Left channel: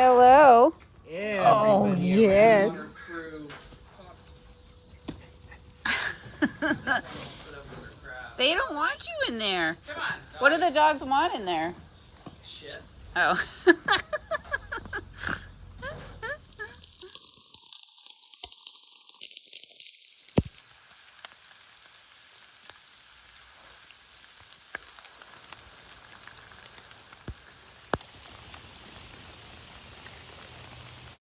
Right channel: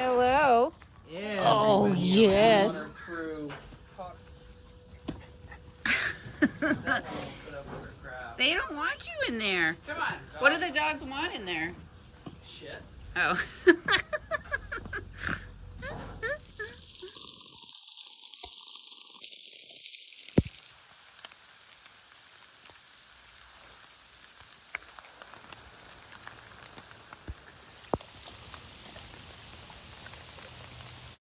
Hello. Oh, yes. They don't want you in there. Come on. What do the dogs want in there? Shit. Oh.